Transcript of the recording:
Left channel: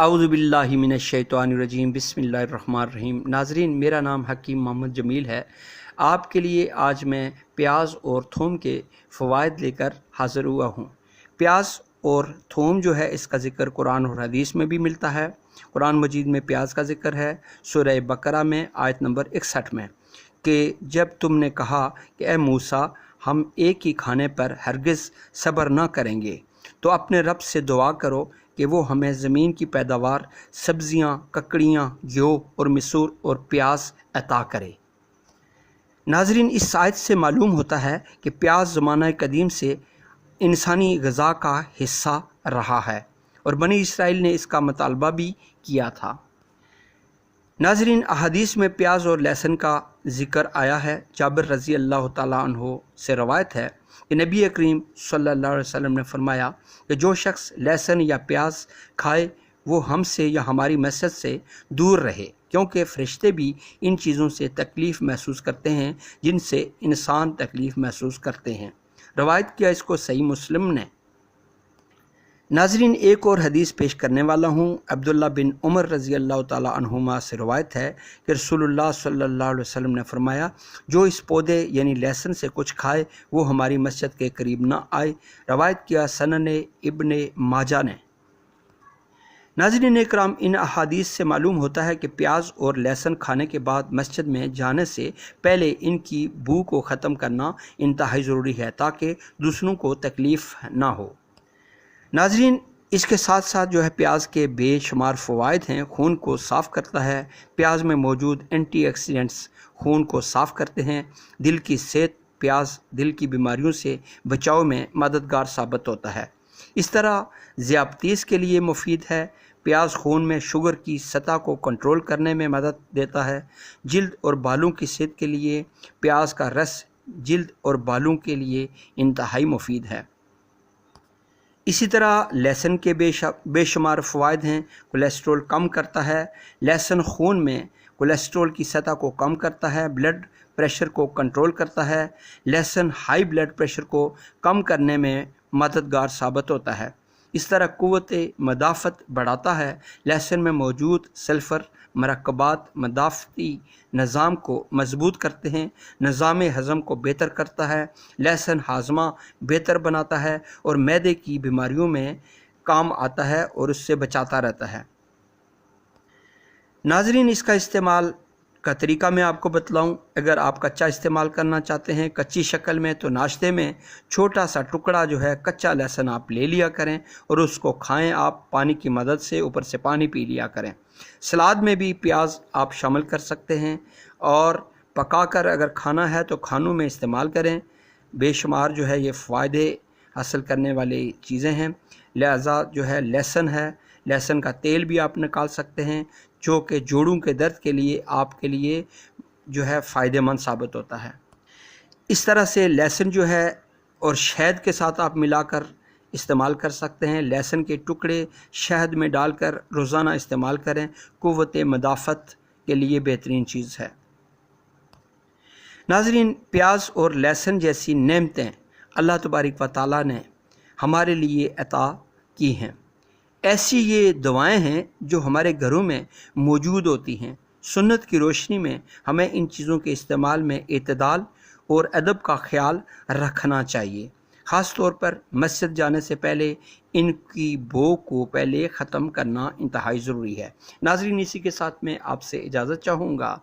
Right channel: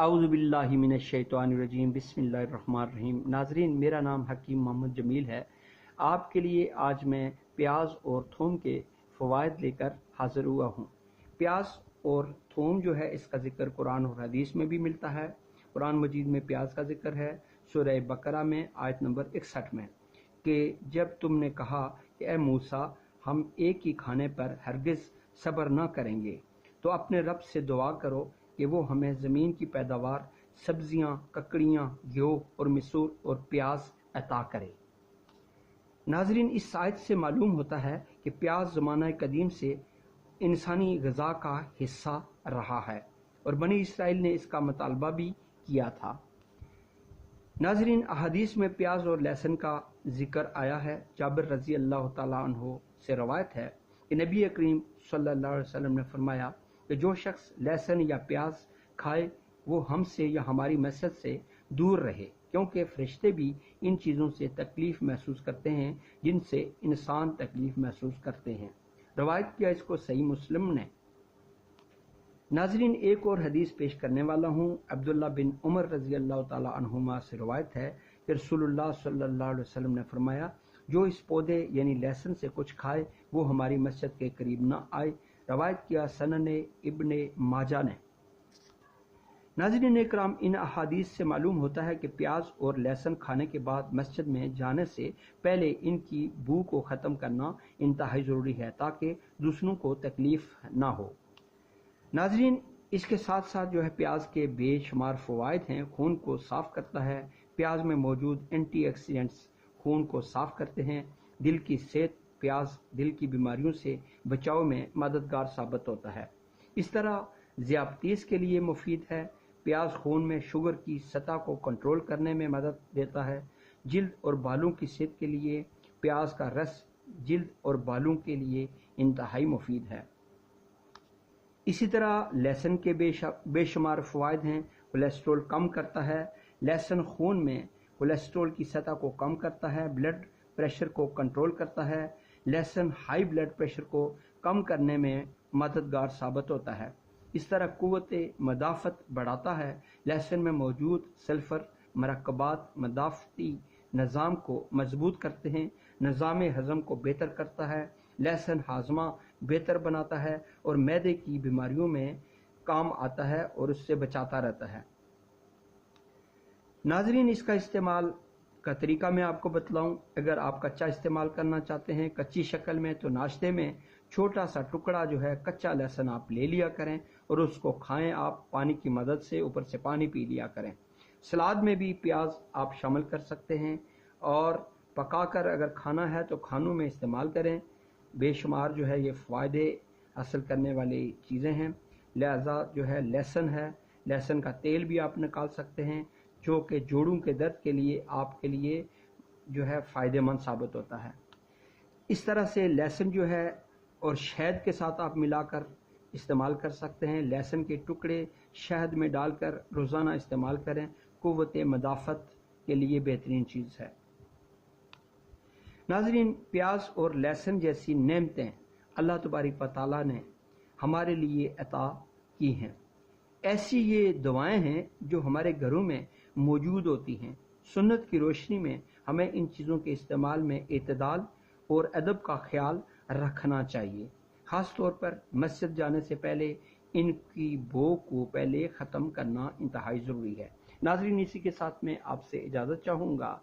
اعوذ باللہ من الشیطان الرجیم بسم اللہ الرحمن الرحیم۔ ناظرین، میرا نام حکیم محمد جمیل ہے۔ آپ کے لیے آج میں پیاز اور تھوم کے فوائد لے کر حاضر ہوا ہوں۔ پیاز اور تھوم جو ہے اس کا ذکر قرآن اور حدیث میں بھی ملتا ہے۔ قرآن مجید میں پیاز کا ذکر ہے سورہ بقرہ میں آیت نمبر 61 میں کہ جب تم نے کہا کہ اے موسیٰ ہم ایک ہی کھانے پر ہرگز صبر نہ کریں گے تو اپنے رب سے دعا کرو کہ وہ ہمیں زمین کی پیداوار، سبزیاں، ککڑیاں، گیہوں اور مسور اور پیاز عطا کرے۔ ناظرین، اس آیت سے معلوم ہوتا ہے کہ پیاز زمانہ قدیم سے انسانی غذا کا حصہ رہا ہے اور بنی اسرائیل نے اس کا مطالبہ بھی کیا تھا۔ ناظرین، احادیث میں پیاز اور لہسن کا ذکر آیا ہے۔ جابر رضی اللہ تعالیٰ عنہ سے روایت ہے کہ نبی کریم صلی اللہ علیہ وسلم نے فرمایا کہ جو شخص لہسن یا پیاز کھائے وہ ہم سے یا ہماری مسجد سے دور رہے، کیونکہ فرشتے بھی ان چیزوں سے تکلیف محسوس کرتے ہیں جن سے انسان تکلیف محسوس کرتے ہیں۔ روایت کیا اس کو صحیح مسلم نے۔ ناظرین، ایک اور حدیث پیش کرنے والا ہوں۔ عبداللہ بن عمر رضی اللہ تعالیٰ عنہما سے روایت ہے کہ رسول اللہ صلی اللہ علیہ وسلم نے فرمایا جو اس پودے یعنی لہسن سے کچھ کھائے وہ ہماری مسجد کے قریب نہ آئے۔ روایت کیا سنن ابن ماجہ نے۔ ناظرین اکرام، ان احادیث سے معلوم ہوتا ہے کہ پیاز اور لہسن کھانے کے بعد مسجد میں جانے سے پہلے ان کی بو کو ختم کرنا انتہائی ضروری ہے تاکہ دوسروں کو تکلیف نہ ہو۔ ناظرین، اس کے ساتھ ساتھ جو ہے پیاز کے بے شمار فوائد ہیں۔ خون کو صاف کرتا ہے۔ پیاز میں موجود اینٹی آکسیڈنٹس خون کو صاف کرتے ہیں۔ دل کی صحت، پیاز دل کی بیماریوں سے بچاؤ میں مددگار ثابت ہوتا ہے۔ اس طرح ذیابطیس کے لیے مفید ہے۔ پیاز خون میں شوگر کی سطح کو کنٹرول کرنے میں مدد دیتا ہے۔ جلد اور بالوں کی صحت کے لیے پیاز کا رس جلد اور بالوں کے لیے انتہائی مفید ہے۔ اسی طرح لہسن کے بے شمار فوائد ہیں۔ کولیسٹرول کم کرتا ہے۔ لہسن خون میں کولیسٹرول کی سطح کو کم کرتا ہے۔ بلڈ پریشر کو کنٹرول کرتا ہے۔ لہسن ہائی بلڈ پریشر کو کم کرنے میں مددگار ثابت ہوتا ہے۔ اس طرح قوت مدافعت بڑھاتا ہے۔ لہسن میں موجود سلفر مرکبات مدافعتی نظام کو مضبوط کرتے ہیں، نظام ہضم کو بہتر کرتا ہے۔ لہسن ہاضمہ بہتر بناتا ہے اور معدے کی بیماریوں میں کام آتا ہے اور اس سے بچاتا رہتا ہے۔ ناظرین، اس کا استعمال کا طریقہ میں آپ کو بتلاؤں۔ اگر آپ کچا استعمال کرنا چاہتے ہیں کچی شکل میں تو ناشتے میں چھوٹا سا ٹکڑا جو ہے کچا لہسن آپ لے لیا کریں اور اس کو کھائیں۔ آپ پانی کی مدد سے اوپر سے پانی پی لیا کریں۔ سلاد میں بھی پیاز آپ شامل کر سکتے ہیں اور پکا کر اگر کھانا ہے تو کھانوں میں استعمال کریں۔ بے شمار جو ہے یہ فائدے حاصل کرنے والی چیزیں ہیں۔ لہذا جو ہے لہسن کا تیل بھی آپ نکال سکتے ہیں جو کہ جوڑوں کے درد کے لیے آپ کے لیے جو ہے فائدہ مند ثابت ہوتا ہے۔ اس طرح سے لہسن جو ہے اور شہد کے ساتھ آپ ملا کر استعمال کر سکتے ہیں۔ لہسن کے ٹکڑے شہد میں ڈال کر روزانہ استعمال کریں، قوت مدافعت کے لیے بہترین چیز ہے۔ ناظرین، پیاز اور لہسن جیسی نعمتیں اللہ تبارک و تعالیٰ نے ہمارے لیے عطا کی ہیں۔ ایسی یہ دوائیں ہیں جو ہمارے گھروں میں موجود ہوتی ہیں۔ سنت کی روشنی میں ہمیں ان چیزوں کے استعمال میں اعتدال اور ادب کا خیال رکھنا چاہیے۔ خاص طور پر مسجد جانے سے پہلے ان کی بو کو پہلے ختم کرنا انتہائی ضروری ہے۔ ناظرین، اسی کے ساتھ میں آپ سے اجازت چاہوں گا۔